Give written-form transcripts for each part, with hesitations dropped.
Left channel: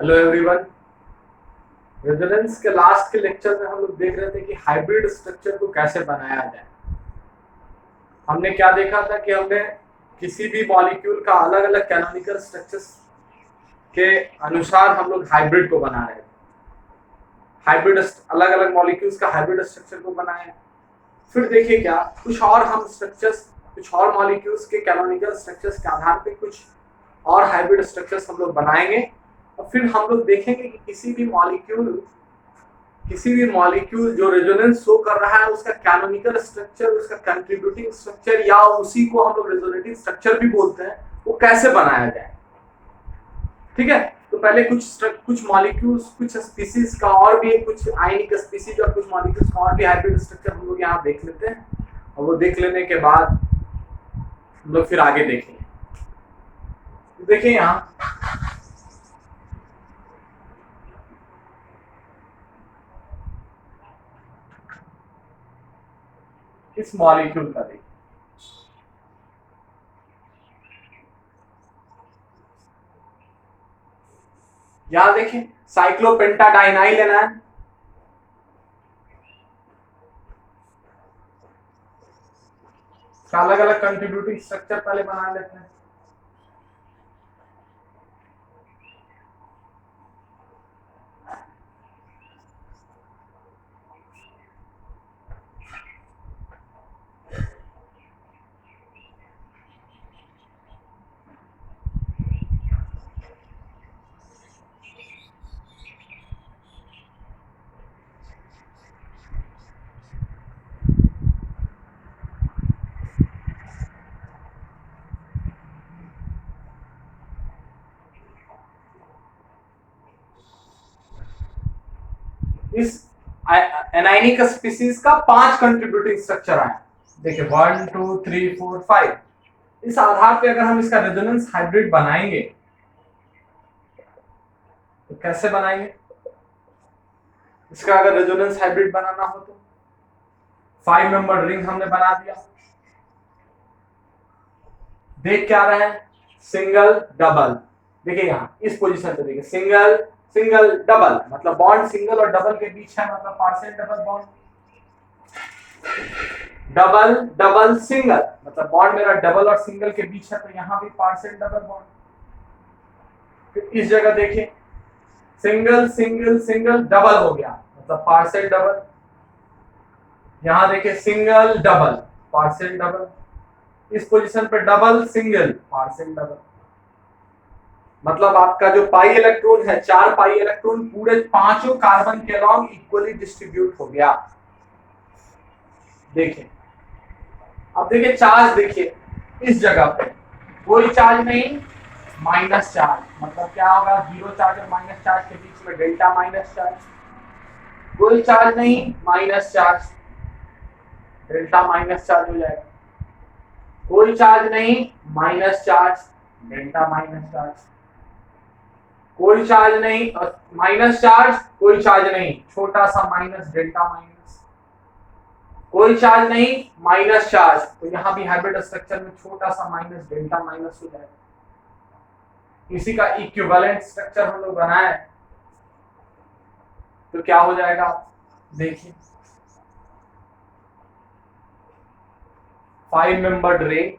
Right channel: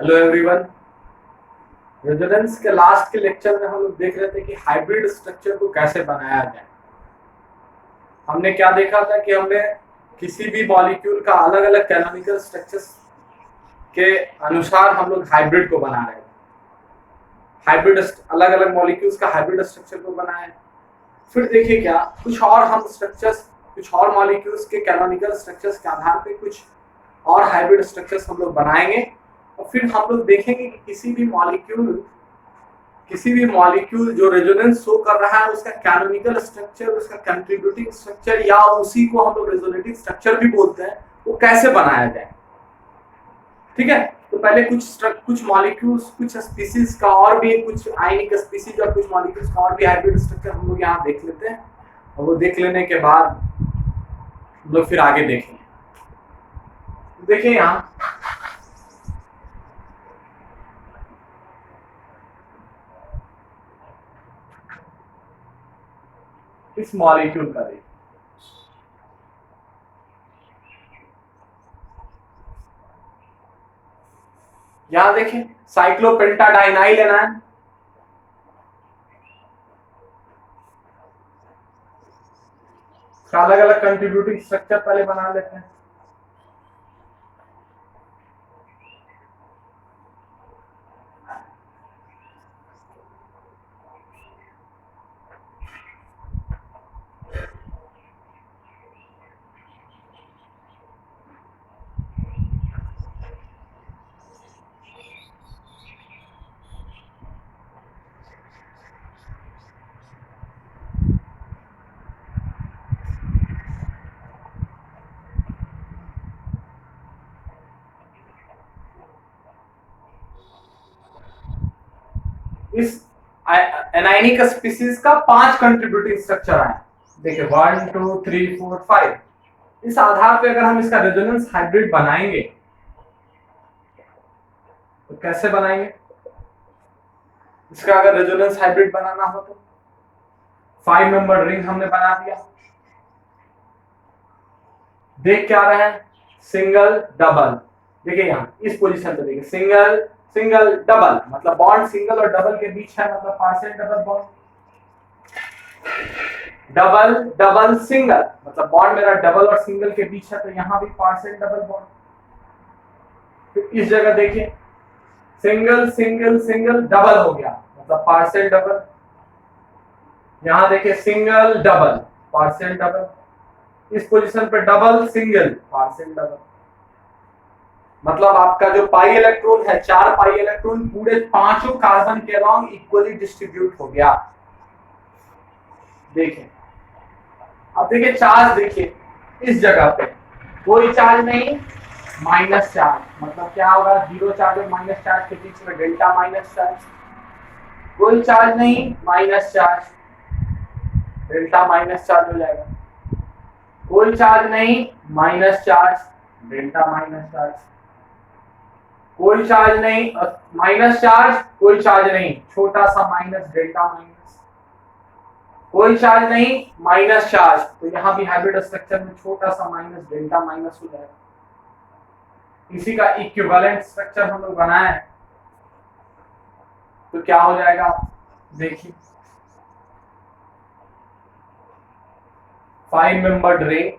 Hello everyone. Resonance के last के lecture में हम लोग देख रहे थे कि हाइब्रिड स्ट्रक्चर को कैसे बनाया जाए। हमने क्या देखा था कि हमने किसी भी मॉलिक्यूल का अलग अलग कैनोनिकल स्ट्रक्चर्स के अनुसार हम लोग हाइब्रिड को बना रहे थे। हाइब्रिड अलग अलग मॉलिक्यूल्स का हाइब्रिड स्ट्रक्चर को बनाए। फिर देखिए क्या कुछ और हम स्ट्रक्चर्स, कुछ और मॉलिक्यूल्स के कैनोनिकल स्ट्रक्चर्स के आधार पे कुछ और हाइब्रिड स्ट्रक्चर्स हम लोग बनाएंगे और फिर हम लोग देखेंगे कि किसी भी मॉलिक्यूल जो रेजोनेंस शो कर रहा है उसका कैनोनिकल स्ट्रक्चर, उसका कंट्रीब्यूटिंग स्ट्रक्चर या उसी को हम लोग रेजोनेटिव स्ट्रक्चर भी बोलते हैं, वो कैसे बनाया जाए। ठीक है, तो पहले कुछ मॉलिक्यूल्स, कुछ स्पीसीज का और भी कुछ आयनिक स्पीसीज और कुछ मॉलिक्यूल्स का और भी हाइब्रिड स्ट्रक्चर हम लोग यहाँ देख लेते हैं और वो देख लेने के बाद हम लोग फिर आगे देखेंगे। देखिए यहाँ इस मॉलिक्यूल का देखिए, यहां देखें साइक्लोपेंटाडाइनाइल एनायन, अलग अलग कंट्रीब्यूटिंग स्ट्रक्चर पहले बना लेते हैं। इस एनाइनिक स्पीसीज का 5 कंट्रीब्यूटिंग स्ट्रक्चर आए। देखिए 1 2 3 4 5। इस आधार पे अगर हम इसका रेजोनेंस हाइब्रिड बनाएंगे तो कैसे बनाएंगे? इसका अगर रेजोनेंस हाइब्रिड बनाना हो तो 5 मेंबर रिंग हमने बना दिया। देख क्या रहे हैं? Single double. देखिए यहाँ इस पोजीशन पे देखिए, सिंगल सिंगल डबल, मतलब बॉन्ड सिंगल और डबल के बीच है, मतलब partial double bond. Double double single, मतलब बॉन्ड मेरा डबल और सिंगल के बीच है, तो यहाँ भी पार्शियल डबल बॉन्ड। फिर इस जगह देखिए सिंगल सिंगल सिंगल डबल हो गया, मतलब पार्शियल डबल। यहाँ देखिए सिंगल डबल पार्शियल डबल, इस पोजीशन पे डबल सिंगल पार्शियल डबल। मतलब आपका जो पाई इलेक्ट्रॉन है, 4 पाई इलेक्ट्रॉन पूरे पांचों कार्बन के अलॉन्ग इक्वली डिस्ट्रीब्यूट हो गया। देखिए अब देखिए चार्ज, देखिए इस जगह पे कोई चार्ज नहीं, माइनस चार्ज, मतलब क्या होगा? 0 चार्ज और माइनस चार्ज के बीच में डेल्टा माइनस चार्ज। कोई चार्ज नहीं, minus charge, delta minus charge हो जाएगा। कोई चार्ज नहीं, minus charge, delta minus charge. कोई चार्ज नहीं, माइनस चार्ज, कोई चार्ज नहीं, छोटा सा माइनस, डेल्टा माइनस। कोई चार्ज नहीं, माइनस चार्ज, तो यहां भी हाइब्रिड स्ट्रक्चर में छोटा सा माइनस, डेल्टा माइनस हो जाएगा। इसी का इक्विवेलेंट स्ट्रक्चर हम लोग बनाए तो क्या हो जाएगा? देखिए 5 मेंबर्ड रिंग,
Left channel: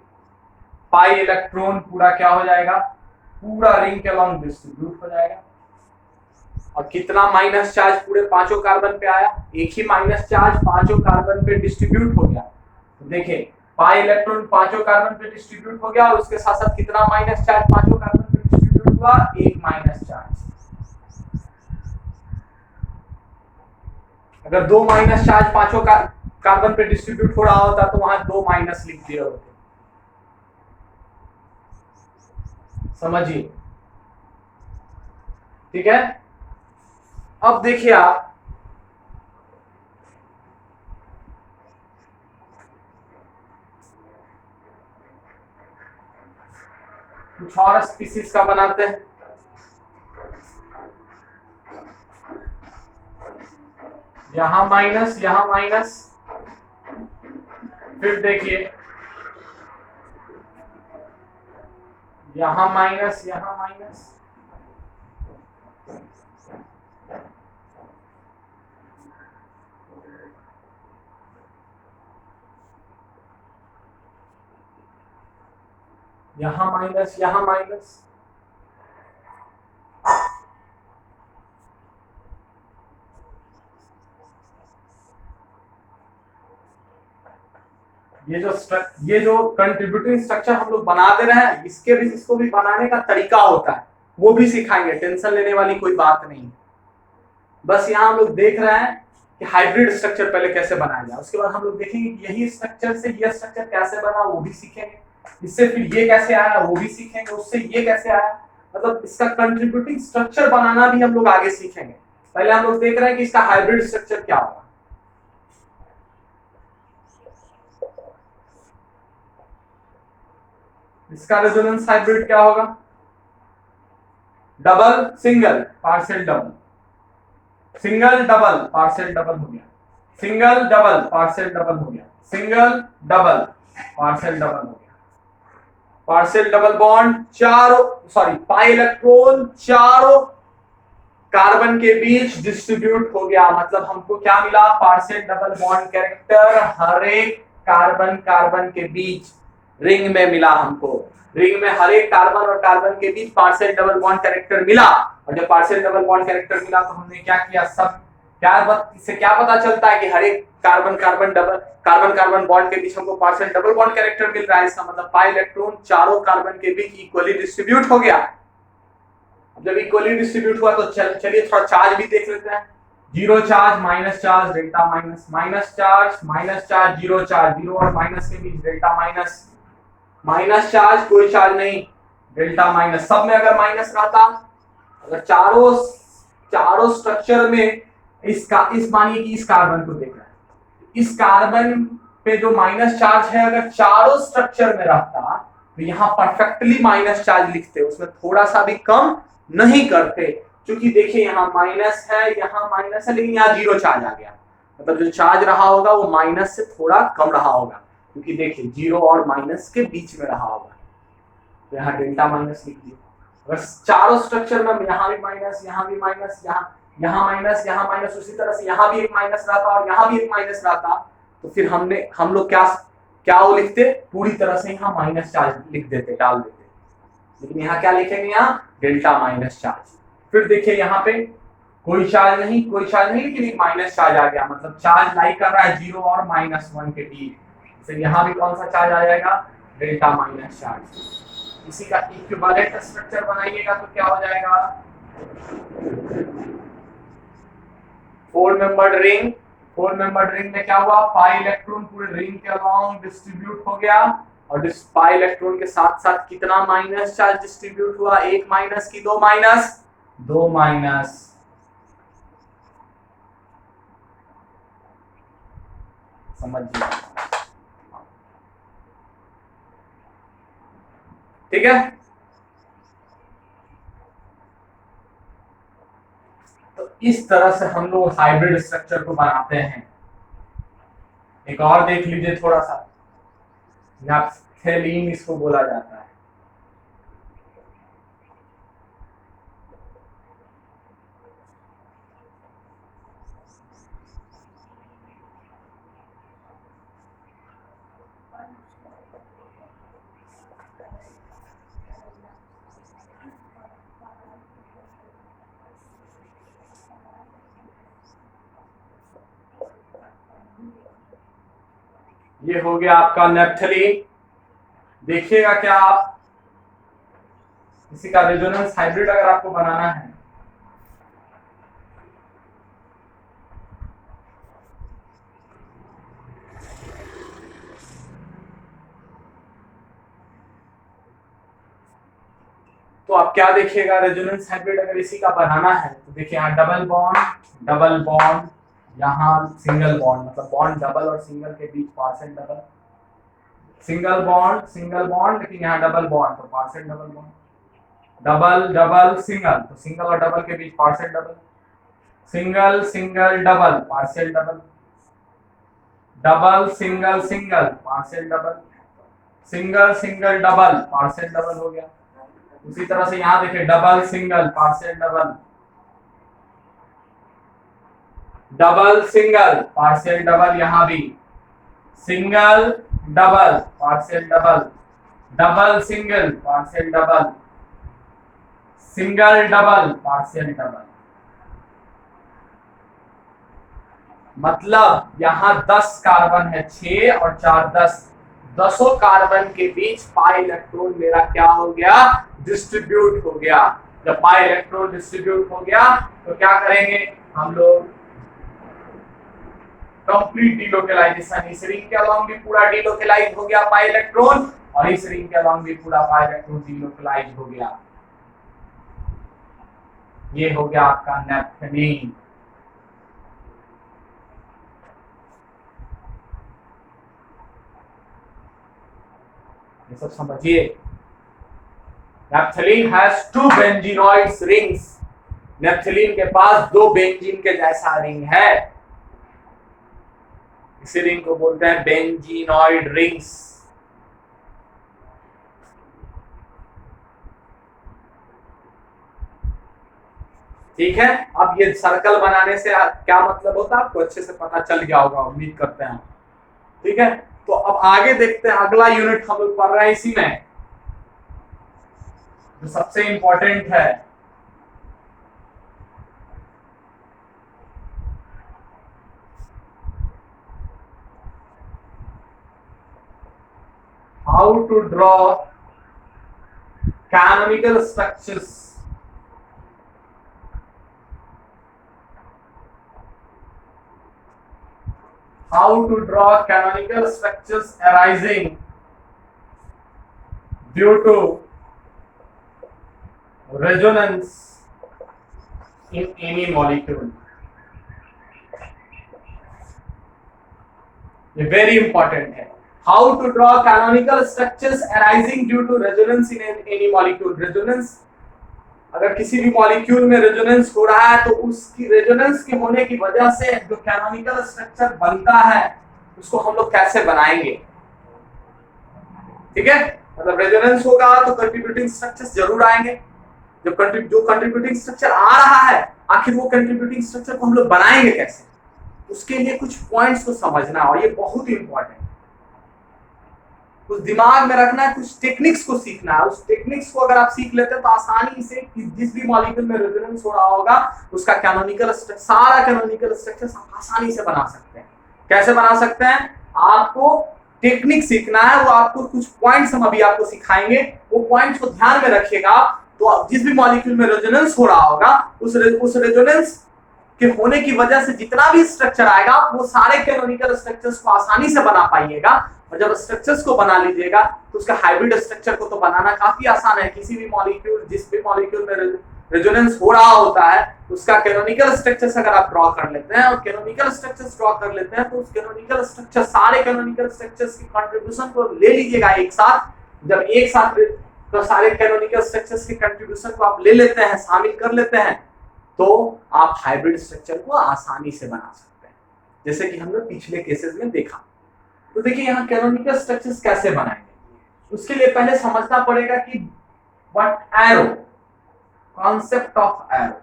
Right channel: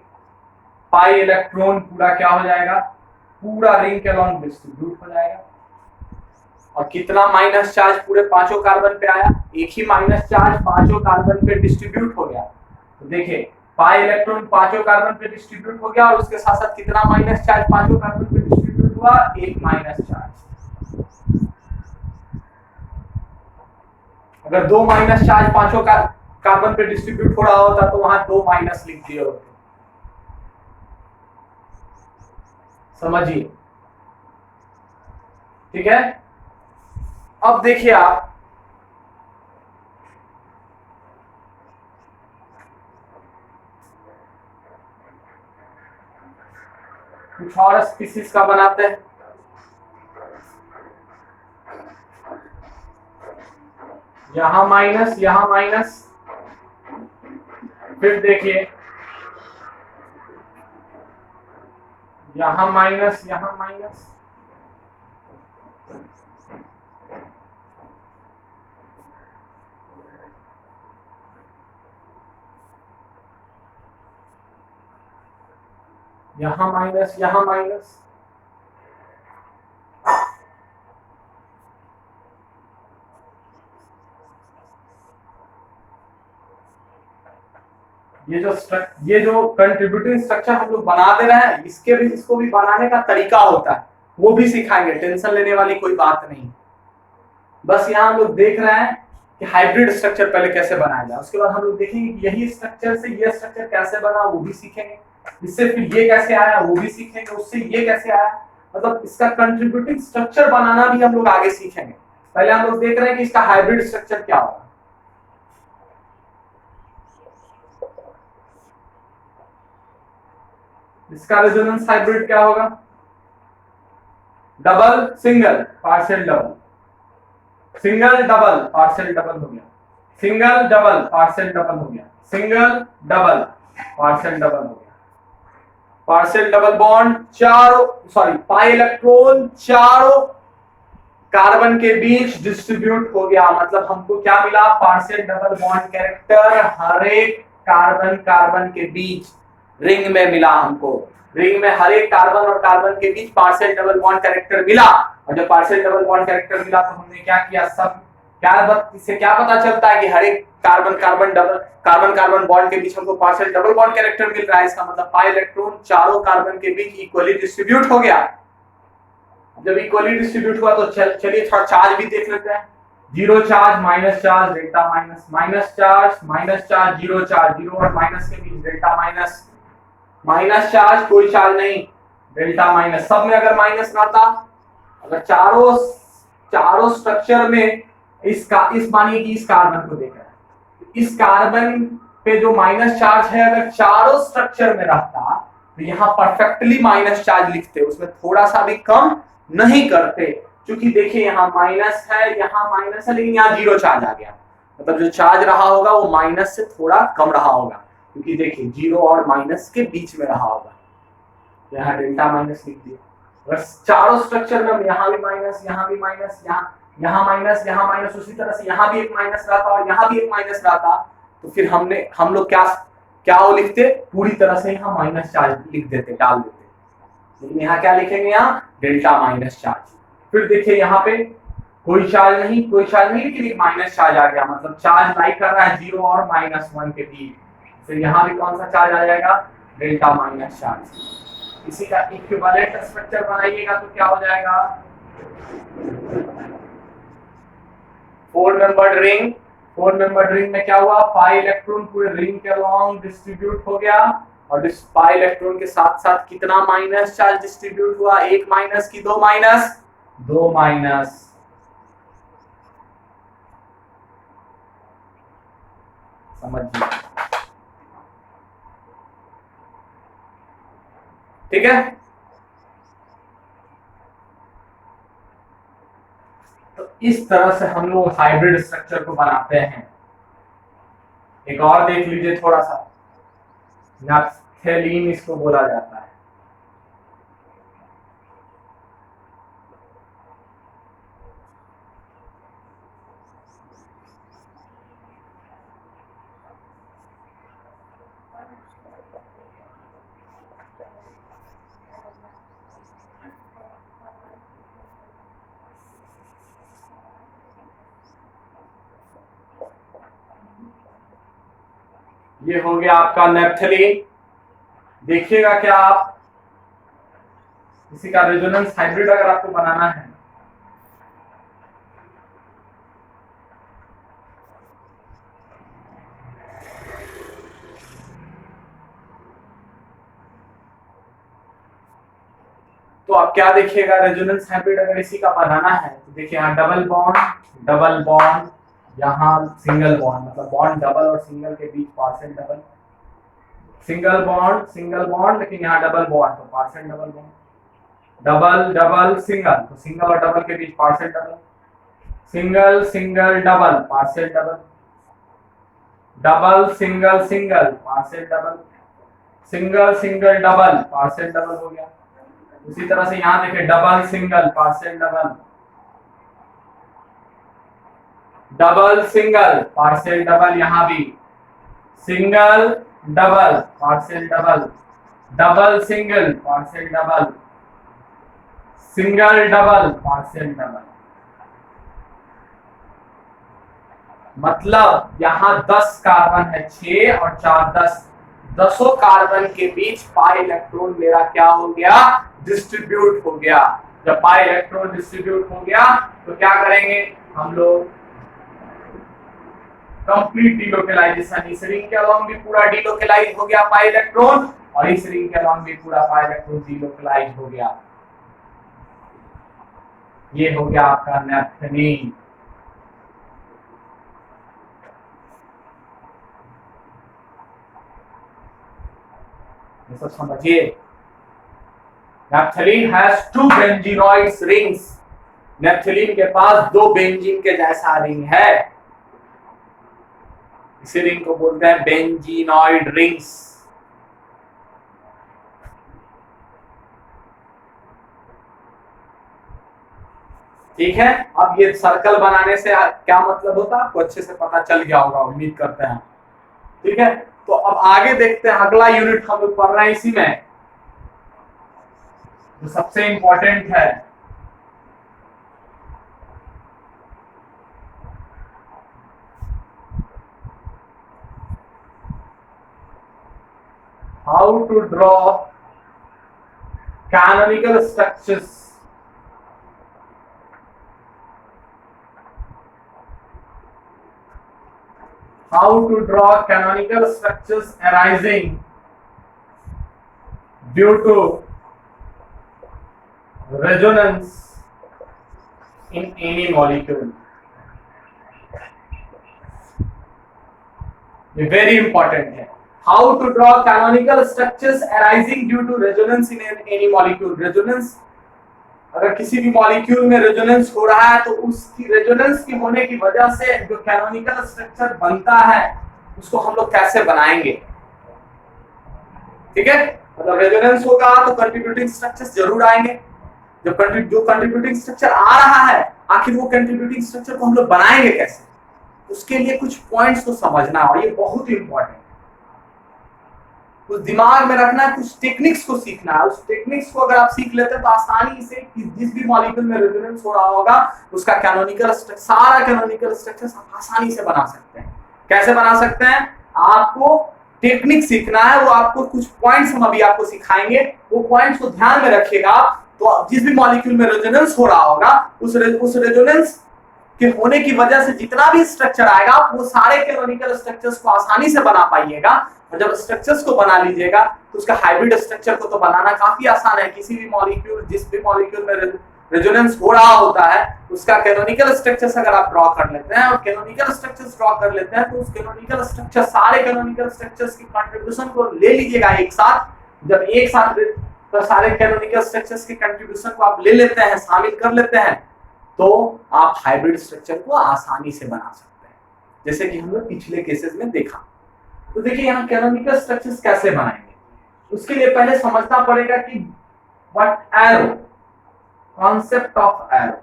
पाई इलेक्ट्रॉन पूरा क्या हो जाएगा? पूरा रिंग के अलॉन्ग डिस्ट्रीब्यूट हो जाएगा। और कितना माइनस चार्ज पूरे पांचों कार्बन पे आया? एक ही माइनस चार्ज पांचों कार्बन पे डिस्ट्रीब्यूट हो गया। तो देखिए पाई इलेक्ट्रॉन पांचों कार्बन पे डिस्ट्रीब्यूट हो गया और उसके साथ साथ कितना माइनस चार्ज पांचों कार्बन पे डिस्ट्रीब्यूट हुआ? एक माइनस चार्ज। अगर 2 माइनस चार्ज पांचों कार्बन पे डिस्ट्रीब्यूट हो रहा होता तो वहां 2 माइनस लिख दिए होते। समझिए, ठीक है। अब देखिए आप कुछ और स्पीसीज का बनाते हैं। यहां माइनस, यहां माइनस, फिर देखिए यहां माइनस, यहां माइनस, यहां माइनस, यहां माइनस, ये जो कंट्रीब्यूटिंग स्ट्रक्चर हम लोग बना दे रहे हैं, इसको भी बनाने का तरीका होता है, वो भी सिखाएंगे, टेंशन लेने वाली कोई बात नहीं। बस यहाँ हम लोग देख रहे हैं कि हाइब्रिड स्ट्रक्चर पहले कैसे बनाया जाए, उसके बाद हम लोग देखेंगे कि यही स्ट्रक्चर से ये स्ट्रक्चर कैसे बना, वो भी सीखेंगे, इससे फिर ये कैसे आया वो भी सीखेंगे, उससे ये कैसे आया, मतलब इसका कंट्रीब्यूटिंग स्ट्रक्चर बनाना भी हम लोग आगे सीखेंगे। पहले हम लोग देख रहे हैं कि इसका हाइब्रिड स्ट्रक्चर क्या होगा। इसका रेजोनेंस हाइब्रिड क्या होगा? Double single partial double, single double partial double हो गया, सिंगल डबल पार्शियल डबल हो गया, सिंगल डबल पार्शियल डबल हो गया, पार्शियल डबल बॉन्ड चारों, सॉरी पाई इलेक्ट्रॉन चारों कार्बन के बीच डिस्ट्रीब्यूट हो गया, मतलब हमको क्या मिला? पार्शियल डबल बॉन्ड कैरेक्टर हर एक कार्बन कार्बन के बीच रिंग में मिला हमको, रिंग में हर एक कार्बन और कार्बन के बीच पार्शियल डबल बॉन्ड कैरेक्टर मिला। और जब पार्शियल डबल बॉन्ड कैरेक्टर मिला तो हमने क्या किया, सब इससे क्या पता चलता है कि हर एक कार्बन कार्बन बॉन्ड के बीच हमको पार्शियल डबल बॉन्ड कैरेक्टर मिल रहा है, इसका मतलब पाई इलेक्ट्रॉन चारों कार्बन के बीच इक्वली डिस्ट्रीब्यूट हो गया। जब इक्वली डिस्ट्रीब्यूट हुआ तो चलिए थोड़ा चार्ज भी देख लेते हैं। Zero charge, minus charge, delta minus, minus charge, zero और माइनस के बीच डेल्टा माइनस, माइनस चार्ज कोई चार्ज नहीं, डेल्टा माइनस, सब में अगर माइनस रहता, अगर चारों स्ट्रक्चर में इस मानिए कि इस कार्बन को देख रहा है, इस कार्बन पे जो माइनस चार्ज है अगर चारों स्ट्रक्चर में रहता तो यहाँ परफेक्टली माइनस चार्ज लिखते, उसमें थोड़ा सा भी कम नहीं करते, क्योंकि देखिए यहाँ माइनस है, यहाँ माइनस है, लेकिन यहाँ जीरो चार्ज आ गया, मतलब जो चार्ज रहा होगा वो माइनस से थोड़ा कम रहा होगा, क्योंकि देखिए जीरो और माइनस के बीच में रहा होगा, तो यहाँ डेल्टा माइनस लिख दिया। अगर चारों स्ट्रक्चर में यहाँ भी माइनस, यहाँ भी माइनस, यहाँ माइनस, यहाँ माइनस, उसी तरह से यहाँ भी एक माइनस रहता और यहाँ भी एक माइनस रहता, तो फिर हम लोग क्या वो लिखते, पूरी तरह से यहाँ माइनस चार्ज लिख देते, डाल देते, लेकिन यहाँ क्या लिखेंगे, यहाँ डेल्टा माइनस चार्ज। फिर देखिए यहाँ पे कोई चार्ज नहीं, लेकिन माइनस चार्ज आ गया, मतलब चार्ज लाई कर रहा है जीरो और माइनस वन के बीच, तो यहाँ भी कौन सा चार्ज आ जाएगा, डेल्टा माइनस चार्ज। इसी का इक्विवेलेंट स्ट्रक्चर बनाइएगा तो क्या हो जाएगा, 4 मेंबर्ड रिंग में क्या हुआ, पाई इलेक्ट्रॉन पूरे रिंग के अलोंग डिस्ट्रीब्यूट हो गया, और पाई इलेक्ट्रॉन के साथ साथ कितना माइनस चार्ज डिस्ट्रीब्यूट हुआ, एक माइनस की दो माइनस, समझिए, ठीक है। तो इस तरह से हम लोग हाइब्रिड स्ट्रक्चर को बनाते हैं। एक और देख लीजिए थोड़ा सा, नैप्थेलीन इसको बोला जाता है। ये हो गया आपका नैप्थेलीन। देखिएगा क्या आप, इसी का रेजोनेंस हाइब्रिड अगर आपको बनाना है, तो आप क्या देखिएगा, रेजोनेंस हाइब्रिड अगर इसी का बनाना है तो देखिए यहाँ डबल बॉन्ड, यहाँ सिंगल बॉन्ड, मतलब बॉन्ड डबल और सिंगल के बीच पार्शियल डबल, सिंगल बॉन्ड, लेकिन यहाँ डबल बॉन्ड तो partial double bond, double single तो सिंगल और डबल के बीच partial double, single double partial double single partial double, single double partial double हो गया। उसी तरह से यहाँ देखिए double single partial double, double single, partial double, यहां भी single double, partial double, double single, partial double, single double, partial double. मतलब यहां 10 कार्बन है, 6 और 4 10, 10 कार्बन के बीच पाई इलेक्ट्रॉन मेरा क्या हो गया, डिस्ट्रीब्यूट हो गया। जब पाई इलेक्ट्रॉन डिस्ट्रीब्यूट हो गया तो क्या करेंगे हम लोग, कंप्लीट डीलोकलाइजेशन, इस रिंग के अलोंग भी पूरा डीलोकलाइज हो गया पाई इलेक्ट्रॉन, और इस रिंग के अलोंग भी पूरा पाई इलेक्ट्रॉन डीलोकलाइज हो गया। ये हो गया आपका नैप्थेलीन। ये सब समझिए। Naphthalene has 2 benzenoid rings. Naphthalene के पास 2 बेंजीन के जैसा रिंग है, इसी रिंग को बोलते हैं बेंजीनॉइड रिंग्स। ठीक है, अब ये सर्कल बनाने से क्या मतलब होता है आपको अच्छे से पता चल गया होगा, उम्मीद करते हैं। ठीक है, तो अब आगे देखते हैं, अगला यूनिट हम लोग पढ़ रहे हैं इसी में, जो सबसे इंपॉर्टेंट है। How to draw canonical structures, how to draw canonical structures arising due to resonance in any molecule। ये वेरी इंपॉर्टेंट है। How to draw canonical structures arising due to resonance in any molecule. Resonance, अगर किसी भी molecule में resonance हो रहा है तो उसकी रेजोनेंस के होने की वजह से जो कैनोनिकल स्ट्रक्चर बनता है उसको हम लोग कैसे बनाएंगे। ठीक है, मतलब रेजोनेंस होगा तो कंट्रीब्यूटिंग स्ट्रक्चर्स जरूर आएंगे। जो कंट्रीब्यूटिंग स्ट्रक्चर आ रहा है, आखिर वो कंट्रीब्यूटिंग स्ट्रक्चर को हम लोग बनाएंगे कैसे, उसके लिए कुछ पॉइंट्स को समझना, और ये बहुत ही इंपॉर्टेंट है। कुछ दिमाग में रखना है, कुछ टेक्निक्स को सीखना है। उस टेक्निक्स को अगर आप सीख लेते हैं तो आसानी से जिस भी मॉलिक्यूल में रेजोनेंस हो रहा होगा उसका कैनोनिकल स्ट्रक्चर, सारा कैनोनिकल स्ट्रक्चर आसानी से बना सकते हैं। कैसे बना सकते हैं, आपको टेक्निक सीखना है, वो आपको कुछ पॉइंट्स हम अभी आपको सिखाएंगे, वो पॉइंट्स को ध्यान में रखिएगा। तो जिस भी मॉलिक्यूल में रेजोनेंस हो रहा होगा उस रेजोनेंस के होने की वजह से जितना भी स्ट्रक्चर आएगा वो सारे कैनोनिकल स्ट्रक्चर्स को आसानी से बना पाइएगा। और जब स्ट्रक्चर्स को बना लीजिएगा तो उसका हाइब्रिड स्ट्रक्चर को तो बनाना काफी आसान है। किसी भी मॉलिक्यूल, जिस भी मॉलिक्यूल में रेजोनेंस हो रहा होता है उसका कैनोनिकल स्ट्रक्चर्स अगर आप ड्रॉ कर लेते हैं और कैनोनिकल स्ट्रक्चर्स ड्रॉ कर लेते हैं तो उस कैनोनिकल स्ट्रक्चर, सारे कैनोनिकल स्ट्रक्चर्स की कंट्रीब्यूशन को ले लीजिएगा एक साथ। जब एक साथ तो सारे कैनोनिकल स्ट्रक्चर्स की कंट्रीब्यूशन को आप ले लेते हैं, शामिल कर लेते हैं, तो आप हाइब्रिड स्ट्रक्चर को आसानी से बना सकते हैं, जैसे कि हमने पिछले केसेस में देखा। तो देखिए यहाँ कैनोनिकल स्ट्रक्चर्स कैसे बनाएंगे, उसके लिए पहले समझना पड़ेगा कि what arrow, concept of arrow.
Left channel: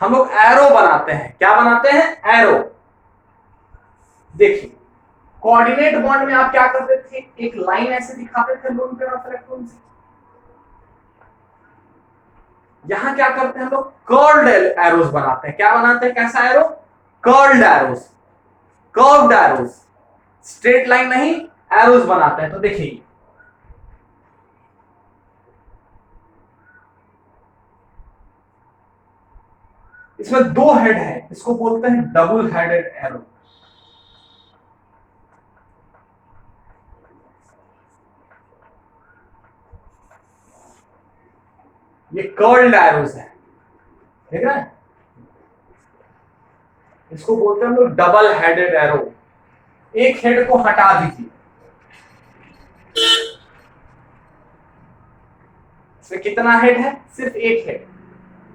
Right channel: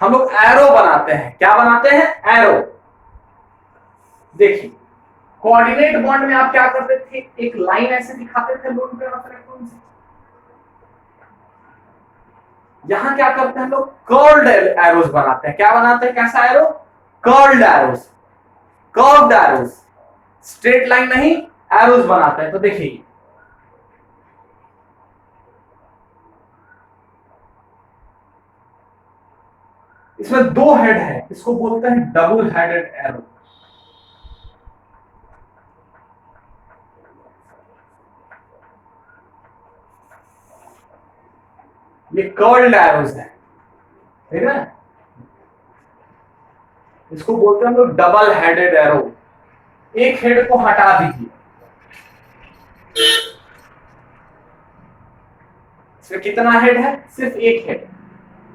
हम लोग एरो बनाते हैं, क्या बनाते हैं, एरो। देखिए कोऑर्डिनेट बॉन्ड में आप क्या करते थे, एक लाइन ऐसे दिखाते थे लोन पेयर ऑफ इलेक्ट्रॉन से। यहां क्या करते हैं हम लोग, कर्ल्ड एरोस बनाते हैं। क्या बनाते हैं, कैसा arrow, curled arrows, curved arrows, straight line नहीं, एरोस बनाते हैं। तो देखिए इसमें 2 हेड है, इसको बोलते हैं डबल हेडेड एरो। ये कर्ल्ड एरोस है, ठीक है, इसको बोलते हैं हम लोग डबल हेडेड एरो। एक हेड को हटा दीजिए, इसमें कितना हेड है, सिर्फ एक हेड।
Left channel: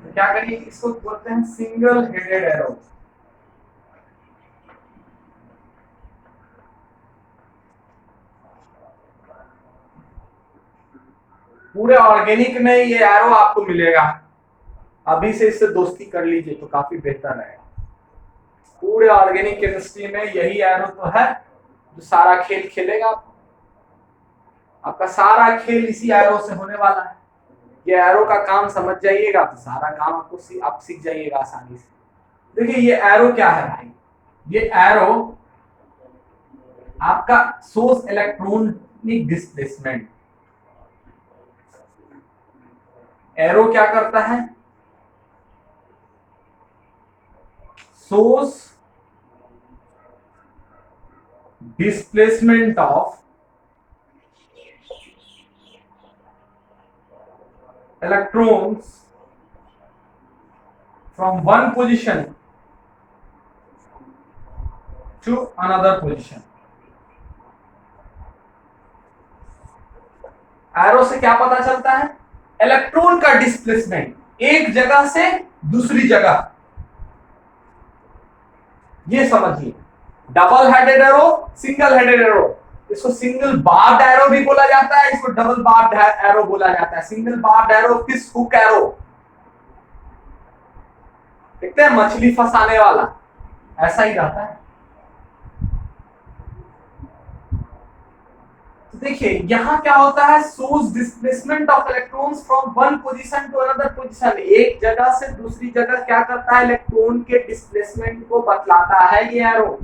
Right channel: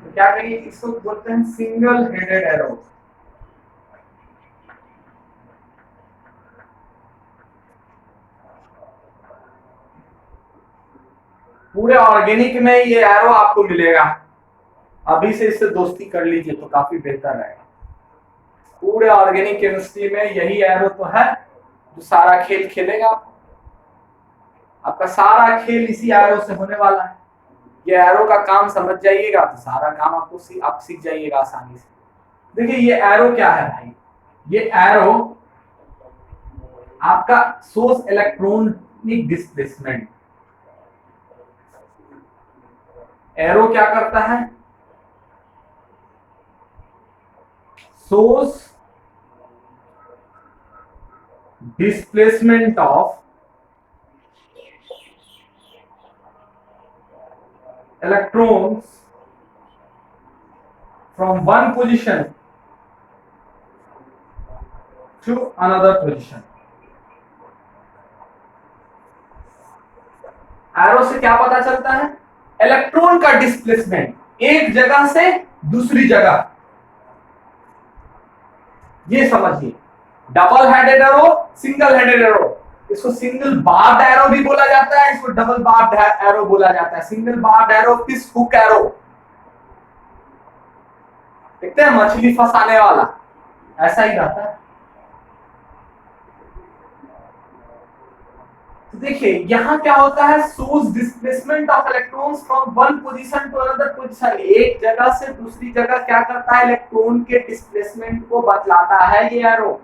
तो क्या करिए, इसको बोलते हैं सिंगल हेडेड एरो। पूरे ऑर्गेनिक में ये एरो आपको मिलेगा, अभी से इससे दोस्ती कर लीजिए तो काफी बेहतर रहेगा। पूरे ऑर्गेनिक केमिस्ट्री में यही एरो तो है जो सारा खेल खेलेगा। आपका सारा खेल इसी एरो से होने वाला है। ये एरो का काम समझ जाइएगा तो सारा काम आप सीख जाइएगा आसानी से। देखिए ये एरो क्या है भाई, ये एरो आपका सोर्स इलेक्ट्रॉनिक डिस्प्लेसमेंट। एरो क्या करता है, source displacement of electrons from one position to another position। Arrow से क्या पता चलता है, इलेक्ट्रॉन का डिस्प्लेसमेंट एक जगह से दूसरी जगह। ये समझिए, double headed arrow, single headed arrow, इसको सिंगल बार्ड एरो भी बोला जाता है, इसको डबल बार्ड एरो बोला जाता है। Single barbed arrow fish hook arrow, देखते हैं मछली फंसाने वाला, ऐसा ही रहता है। तो देखिए यहां क्या होता है, source displacement of electrons from one position to another position. एक जगह से दूसरी जगह क्या करता है, इलेक्ट्रॉन के डिस्प्लेसमेंट को बतलाता है ये एरो।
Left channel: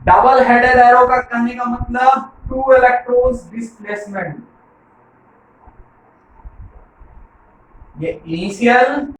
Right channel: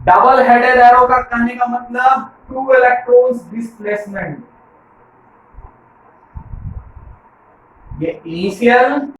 डबल हेडेड एरो का कहने का मतलब टू इलेक्ट्रॉन्स डिस्प्लेसमेंट। ये इनिशियल